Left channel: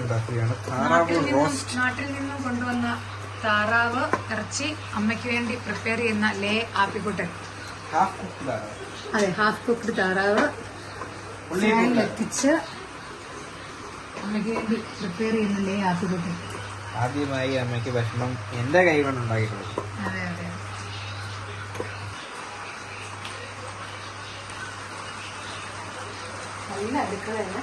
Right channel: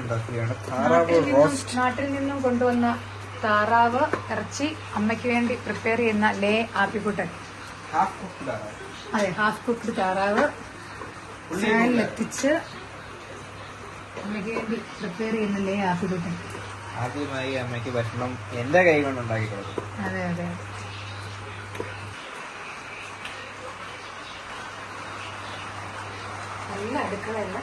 ഉണ്ടാക്കുകയാണ്. താറാവ് റോസ്റ്റ് നാട്ടിൽ നിന്നും കൊണ്ടുവന്ന താറാവ് ഇറച്ചി അമ്മയ്ക്ക് വേണ്ടി പ്രിപ്പയർ ചെയ്യുന്ന ലേ ആപ്പിക്കുട്ടൻ. ഹാഫ് കുക്ക് താറാവ്. അതെ ഹാഫ് കുക്ക്ഡ് താറാവ്. എത്തിച്ച് അമ്മയ്ക്ക് വേണ്ടി പ്രിപ്പയർ ചെയ്യുന്ന ലേ ആപ്പിക്കുട്ടൻ. ആദ്യമായി അമ്മയ്ക്ക് ഭക്ഷണം എന്റെ കൈ കൊണ്ട് ഉണ്ടാക്കി അതെ അതെ നല്ല അടുക്കളയാണ്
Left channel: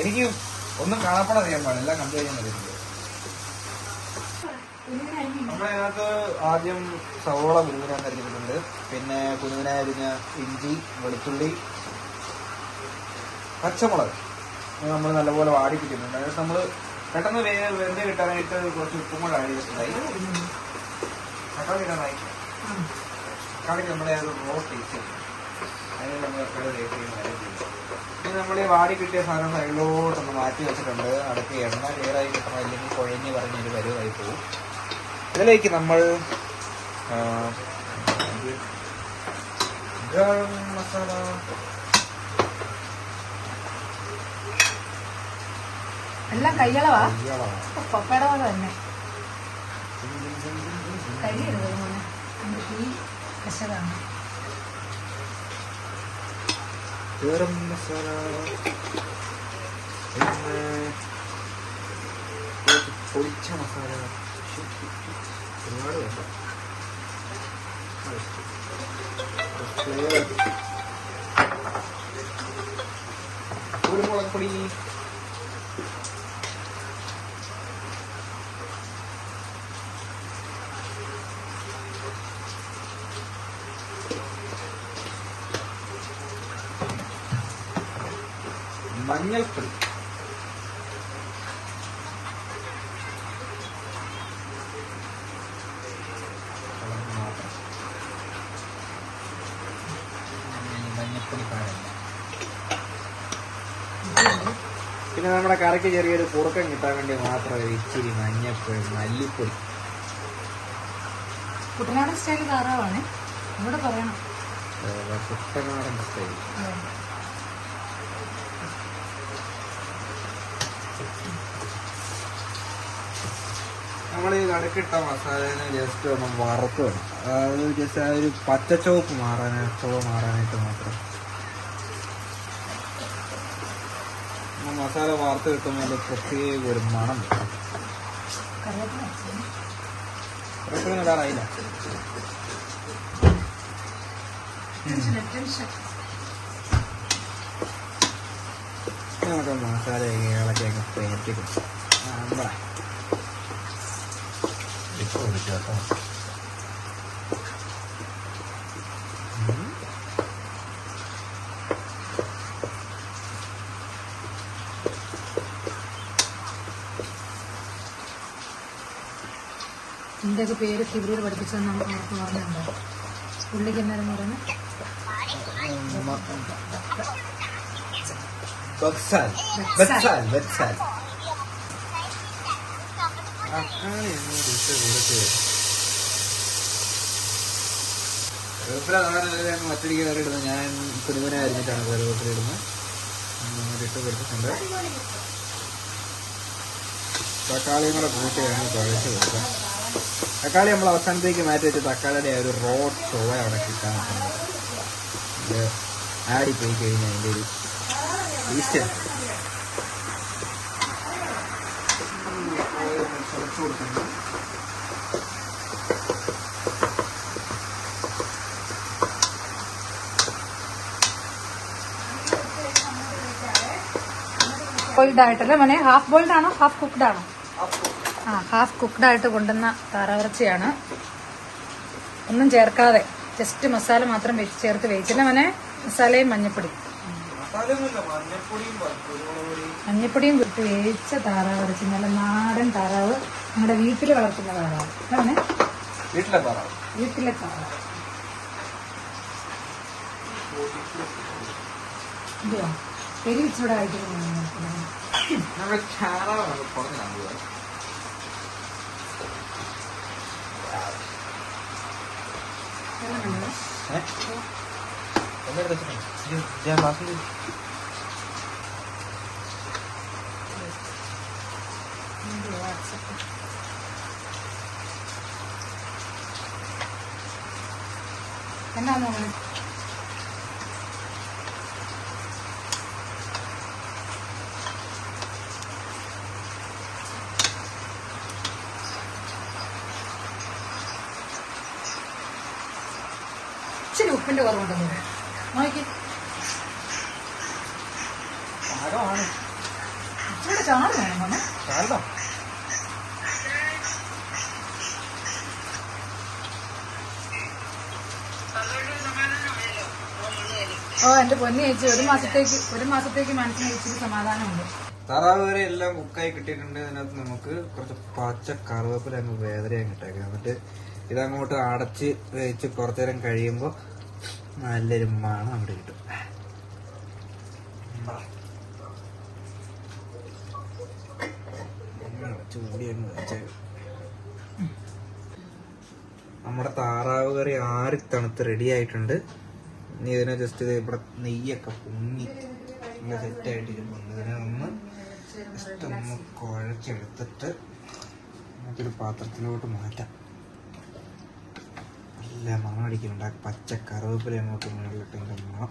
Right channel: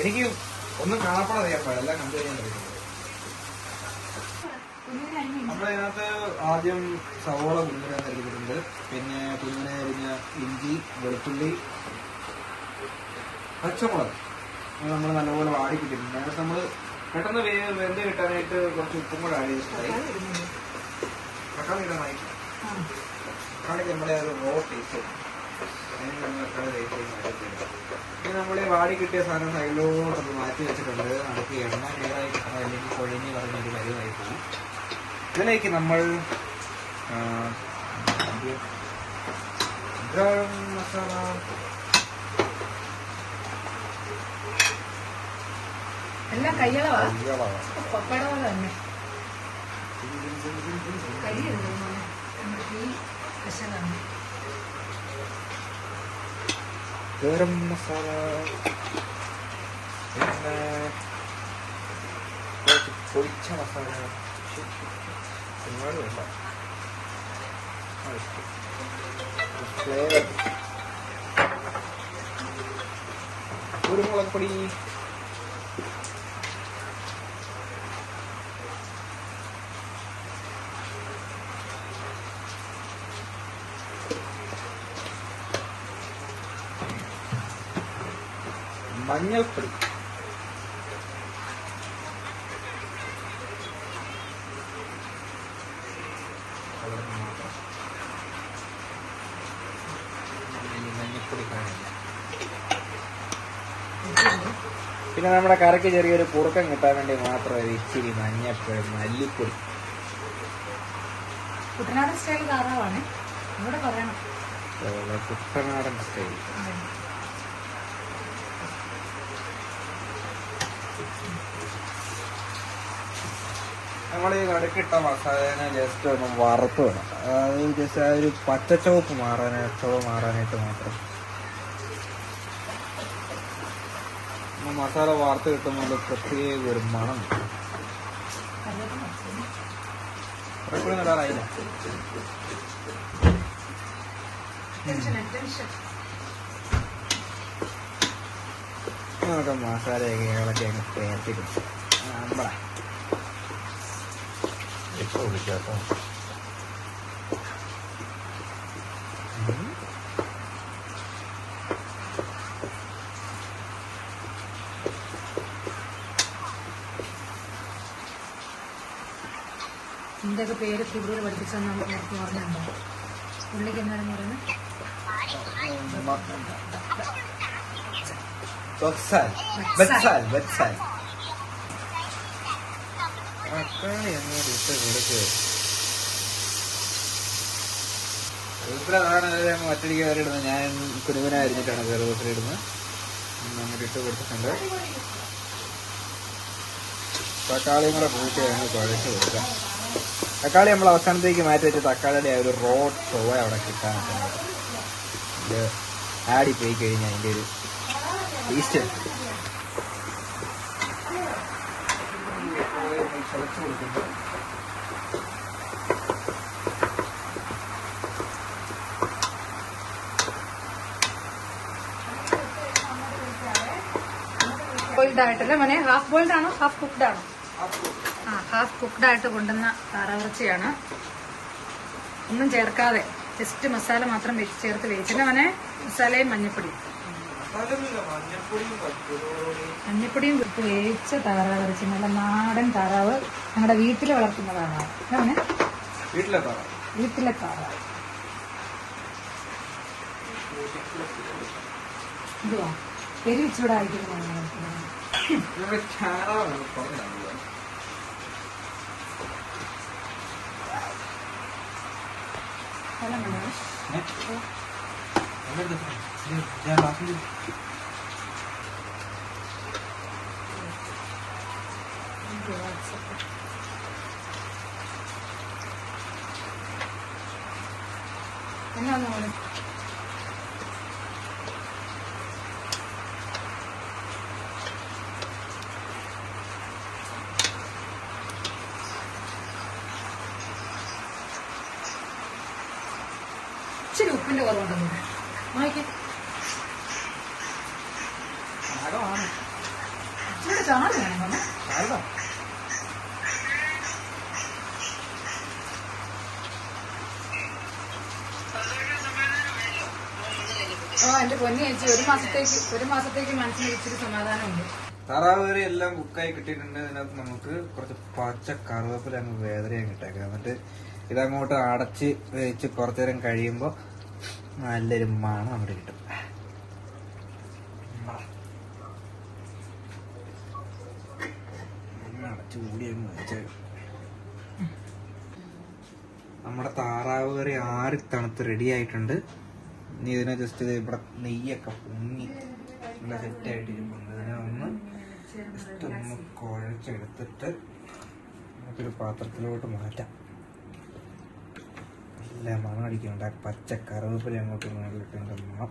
എനിക്ക് ഒന്നും കാണാപ്പാടെ ചെയ്യാൻ പാടില്ല കണ്ടു കഴിഞ്ഞാൽ നമ്മളതിനകത്ത് ആദ്യം സവോള കുഞ്ഞിനെ നൽകിയിട്ടുണ്ട് പിന്നെ കുഞ്ഞിനെ അരിഞ്ഞ ഇഞ്ചി വെളുത്തുള്ളി പച്ചമുളക്. നമ്മൾ നല്ലപോലെ വാടിപ്പിക്കുന്നുണ്ട് അതായത് നമ്മൾ പെട്ടെന്ന് വെന്ത് കിട്ടാനായിട്ട് കുറച്ച് ഉപ്പും കൂടെ ആഡ് ചെയ്തിട്ടുണ്ടായി. പെട്ടെന്ന് ഇടാനായി. തക്കാളിക്ക് നമ്മുടെ ഒരു റോ ടേസ്റ്റ് അതിന് നമ്മൾ എപ്പോഴും നമ്മൾ വാടി കിട്ടിയ സാധനം അതിലോട്ട് മാറ്റി വെച്ചിട്ടുണ്ട്. അതൊക്കെ എണ്ണ ക്ലിയറായി കിട്ടണം അല്ലെങ്കിൽ കുഴഞ്ഞ് പറഞ്ഞൊരു വലുതായി പോകും. ഇതിലേക്ക് നമ്മൾ ഗരം മസാല. എല്ലാം കയ്യളവാ? പോലെ തന്നെ. കരിയുണ്ട് ഈ കശകാണ് ഗരം മസാല പിന്നെ കുറച്ച് പൊടിച്ച മസാല ഒരുപാട് വേണ്ട ഫ്ലേവർ കുരുമുളക് പൊടി മഞ്ഞൾപ്പൊടി കളറിന് മാത്രം. ഈ മഞ്ഞൾപ്പൊടി. കാണുന്നു പിന്നെ നമ്മുടെ കറിക്ക് ചെറിയൊരു കുറുക്കം കിട്ടാൻ വേണ്ടി മാത്രം ഇച്ചിരി മഞ്ഞപ്പൊടി മല്ലിപ്പൊടി. കുട്ടനാടൻ സ്റ്റൈൽ താറാവാണ് ഇവിടെ പറയണം. കുട്ടനാടൻ സ്റ്റൈൽ നമ്മൾ ഈ നടുക്കിട്ട മസാലേനെ ജസ്റ്റ് ഒന്ന് വറുത്ത് അതായത് ഒരു പച്ചച്ചുവപ്പ് മാറാനായിട്ട് ചുവ മാറാനായിട്ട് മാത്രം. മസാല വാർത്ത് കിട്ടുമ്പോൾ പ്രത്യേക ഒരു മണം കിട്ടും കറിവേപ്പില ഇടാറായില്ല. നമുക്ക് മസാലയൊക്കെ ഇളക്കി അങ്ങ് പേർക്കിടും നമ്മുടെ ഇപ്പോൾ വിളിക്കാട്ടോ എന്തൊക്കെ പേര് ഫിബ്രിയിൽ പഠിപ്പിച്ചെന്ന് ആർക്കും ഓർമ്മയുണ്ടോ പുള്ളിക്ക് എന്നാലും പറഞ്ഞു ബക്സാൽ ബക്സാൽ ബക്സാൽ മറ്റൊരിക്കൽ വരെ ഇടുന്നത് ഞാൻ കുടുതനായിരുന്നിട്ടാണ് കറിവേപ്പില ഇടുന്നത് ഇട്ട് കൊടുത്തിട്ടുണ്ട് തക്കാളിയും കൂടെ വെക്കാം തക്കാളി നമ്മൾ അവസാനത്തേക്ക് മാറ്റി വെച്ച് തക്കാളിയുടെ ആ ഒരു റോ ചൊവ അവിടെ കിട്ടാൻ ആടി പോയി കഴിഞ്ഞാൽ അതിന്റെ ഒരു ടേസ്റ്റ് ബോയിൽഡ് ആയിട്ടല്ലേ മോനെ ഹാഫ് ബോയിൽഡ് ആണോ? ഹാഫ് കുക്ക്ഡ് ആണോ? ആ ഹാഫ് കുക്ക്ഡ് ആയിട്ട് കൊണ്ടുവന്ന താറാവിറച്ചിയാണ്. ഒന്നും ചേർക്കാതെ ജസ്റ്റ് മസാല മാത്രം ചേർത്ത് വേവിച്ചില്ല മോനെ മസാലയും മഞ്ഞപ്പൊടി മഞ്ഞപ്പൊടിയും കുത്ത് വേവിച്ച താറാവ് ഇറച്ചി നല്ല നാടൻ താറാവ് നമ്മുടെ വീട്ടിൽ വളർത്തുന്ന താറാവ് അതാണ് വീട്ടിലെ താറാവ് വീട്ടിലെ താറാവ് ഇച്ചിവിടെ അയക്കുന്നു നമ്മുടെ ഞാൻ ബാക്കി എന്നാ മോൾ ഇച്ചിരി ഉപ്പിന്റെ കുറവുണ്ടെന്ന് നോക്കി പാടമാണ് ഇവിടെ ചാറ് വേണം ആരോ ഓ എന്റെ പൊന്നി ചേച്ചി ഒരു മാസത്തേക്ക് ഒരു മാസത്തേക്ക് മനസ്സിന് ഇച്ചിരി സമാധാനമുണ്ട്. താറാവ് എല്ലാം കുക്കായി കിട്ടിയിട്ടുണ്ട്. അതിനകത്ത് നമുക്ക് കുറച്ച് പച്ച കറുവേപ്പില അങ്ങ് വേദനയും ഇട്ടേക്കാം എന്നിട്ട് ഇതങ്ങോട്ട് അടച്ച് വെച്ച് കുറച്ചു നേരം കഴിയുമ്പോൾ നല്ലൊരു മണം അങ്ങോട്ട് കിട്ടും. നമ്മുടെ താറാവ് കറി ആറി തണുത്ത് റെഡി ആയിട്ടുണ്ട്? ഇനി ഇതിനെ ജസ്റ്റ് ഇവിടെ നെയ്യൊക്കെ പൊങ്ങി നല്ല സെറ്റായിട്ട് ഇരുമ്പുണ്ട് ഇതിനെ ഒന്ന് ജസ്റ്റ് ഒന്ന് കുഴച്ചെടുത്തിട്ട് നമുക്കൊരു പാത്രത്തിലോട്ട് മാറ്റാം. നല്ല മണം അടിക്കുന്നുണ്ട് ആ പച്ച കറുവേപ്പില അങ്ങോട്ട് മണം